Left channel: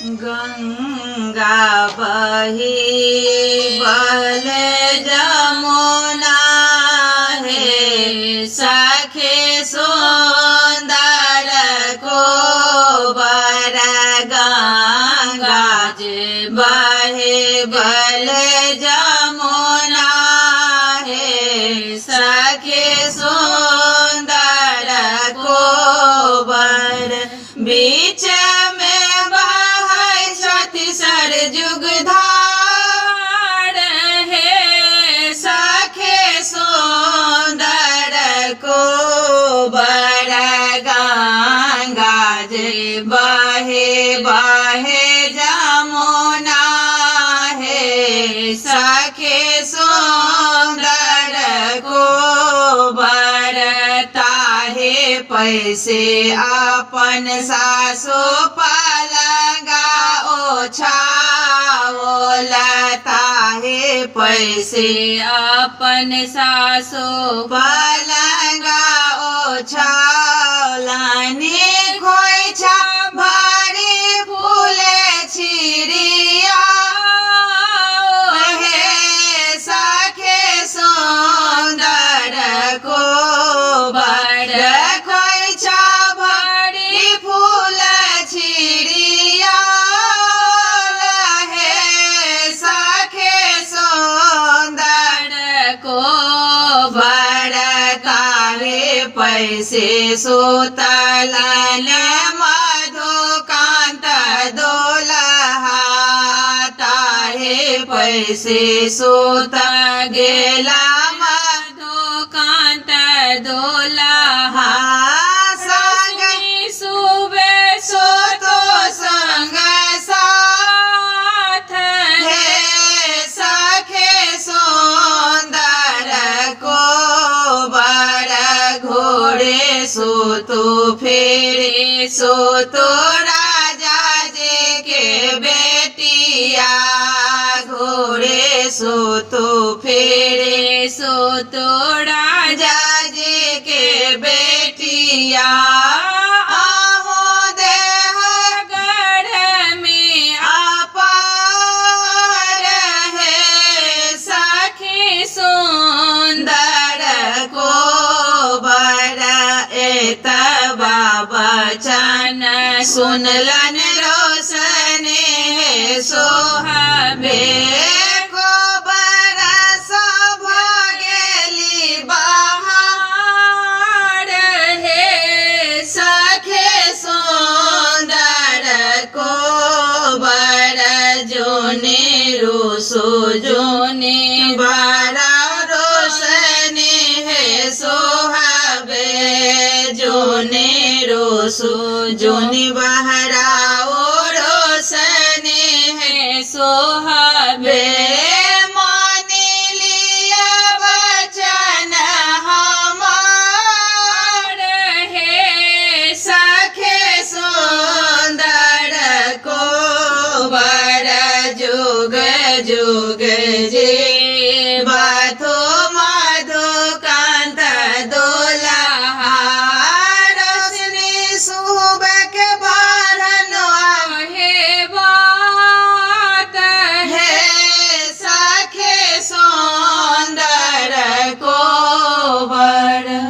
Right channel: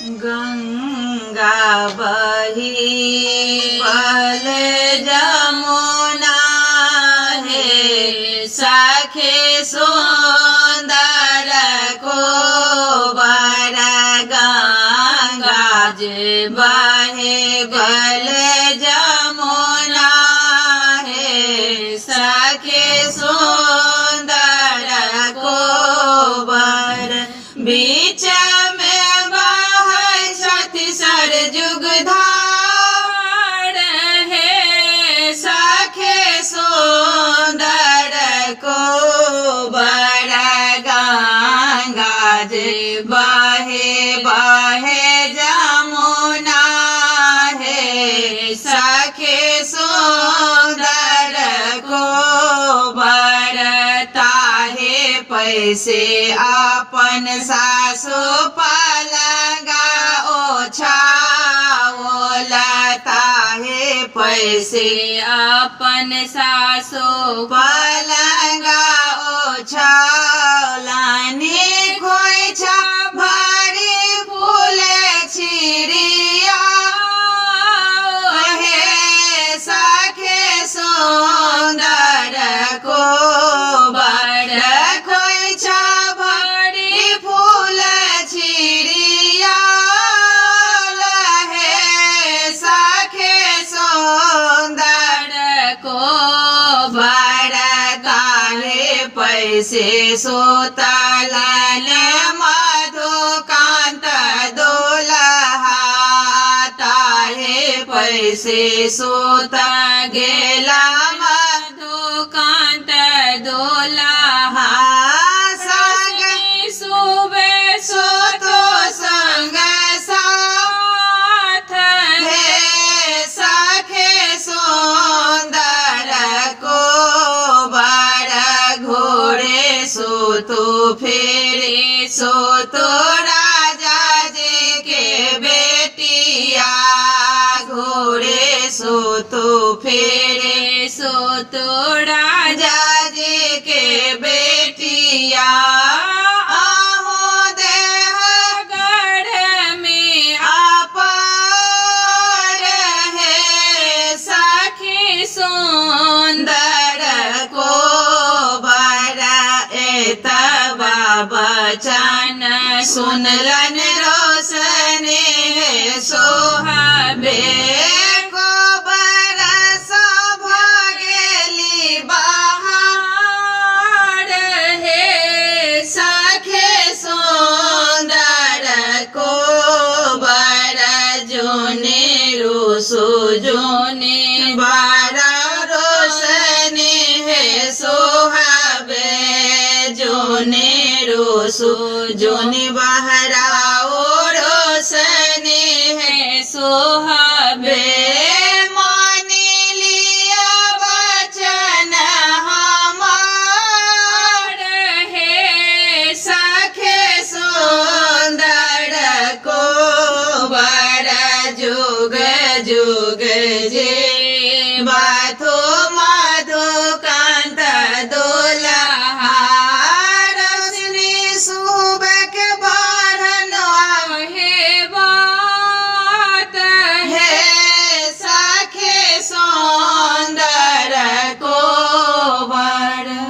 गंगा बही बहले जमुना है सखे सुंदर को बर गंगा जे बहे बहले जमुना है सखे सुंदर को बर बीच सरजुग धार है सखे सुंदर को बर गंगा जे बहे बहे जमुना है सखे सुंदर को बर ताहे पैसे अपन सासु पलंगा ओछाओलता है पैसे अपन सासु पलंगा ओछाओलानी खोइछा भरी फूले छिरिया हे सखे सुंदर को बर खोइछा भरी फूल छिरिया पैसे सुतलाले मधुकांत दोलहा ताहे पैसे सुत गेला मधुकांत दोलहा संग सुबे सुतो संग साथ हे सखे सुंदर को सो तो फेरे सो तो राजा जे के बेटिया घोड़े सो तो फेरे सो तो राजा जे के बेटिया आहो देह गढ़ में अपार है सखी सुंदर को बचन सुनलन रोशने है सोहाबे को बरस भगेली बहार है सखे सुंदर को बर जोने रोसो जोने बरा रोशने है सोहाबे जोने रोसो जोने बहा